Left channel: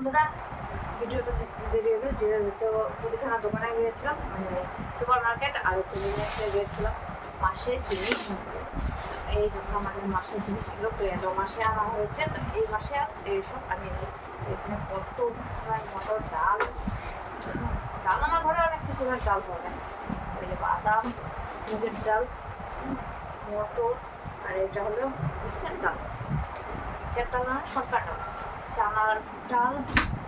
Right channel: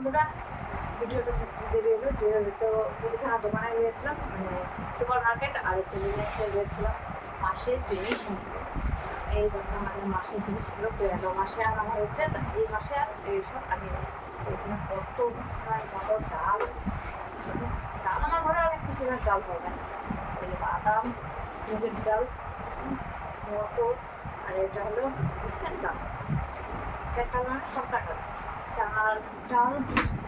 বন্ধুরা, ভিডিওটা দেরি হলো যেহেতু মুদিখানা দোকানে গিয়েছিলাম, মানে সুপার মার্কেট, আর হচ্ছে জিনিসে গিয়েছিলাম মাসের জিনিস নিতে। এই যখন আমাদের মাসের জিনিসগুলো গেল মাসে আনা হয়েছে, তো এই মাসে আর এইসব আনিনি। এখানে কত মশলাই, মটর, ডাল। ডাল আমার ঘরে অনেক কিছু ডাল হবে, বাদাম, মুগের ডাল, মটর, আর এটা হলো চারটা চারটা না সরকার ডাল, চানার ডাল,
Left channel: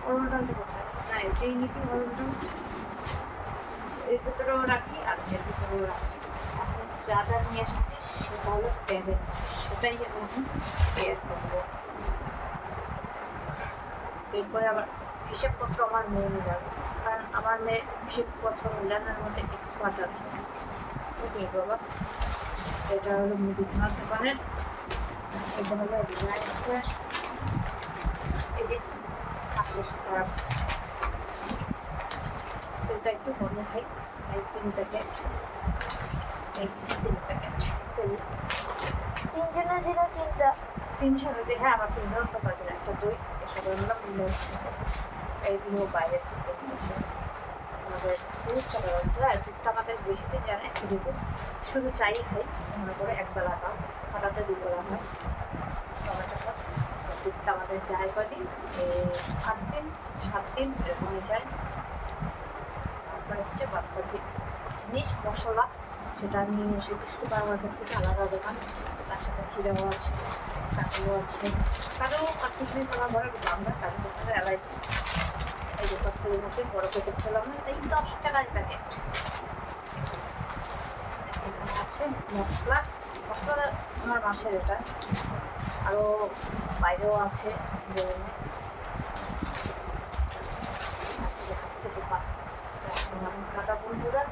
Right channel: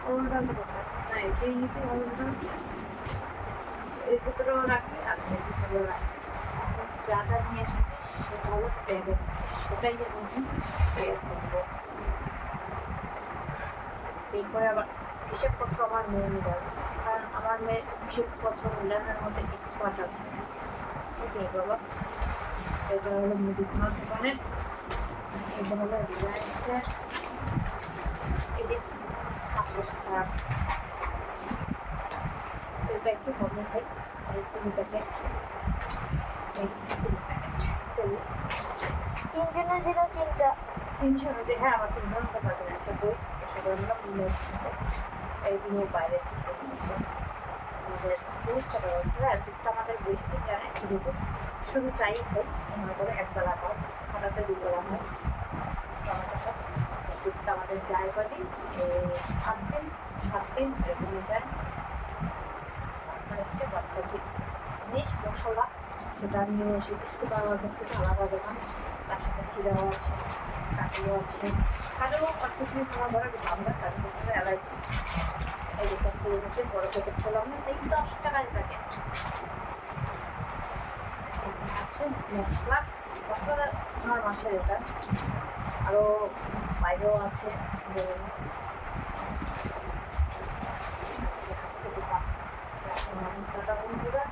অরুণ ডালটা কোথায় না, এটাই নাকি অরুণ ডাল। এর ভিতরেও রাখি আর এর ভিতরেও রাখি। এখন যা যা নিয়ে আসি সেটা হলো ব্যাগে, সেটাই আমি বের করবো। এরপরে আবার হিসেবপত্র আমার মেয়ে মিলাবে, কারণ আমার মেয়ে হিসেবপত্র মিলানোর মধ্যে এক্সপার্ট আছে। ওকে বাবা, এটা হলো মুদিখানার দোকানের, এটা হলো রিলায়েন্সের, এই যে হাসিস খারাপ, তেলটা একটু কমে খাই, তাই 3 প্যাকেট, এই 3 প্যাকেট তেল। 3 জনের যেটা 3টা 300 নদী, হ্যাঁ আমার 3 জন তো পারবে না। একটা দই এসে করে নিলাম, এইগুলো বাইরে থেকে এসে আমাদের দুধটা হ্যাঁ দুধটা আমাদের বেশি দিন জানে, যেহেতু শুধু চাই খাই, মনে করে 1 বেলা খাও, হঠাৎ 2 বেলা হয় টমেটো সব। দুধটা আমাদের যায় কদিন, 8 দিন 7 দিন এরকমই যায়। তারপরে হচ্ছে বাদবাকি জিনিস মশলা সেটা নিয়ে এসে কিছু বারবার থেকে আলাদা দোকান, তার সাথে চিড়াও আছে, কাজুও আছে। কাজু কিছু আমার ঘরে আমরা কাজু করতে অ্যালার্জি, এই দোকান শুরু করতে বড় প্যাকেট খেলাম না, তাই 10 টাকার প্যাকেট। এখানে আছে মশলা, মশলা আমার মাসের এটা, আরও বাইরেও আছে দোকান। টাটা বন্ধুরা।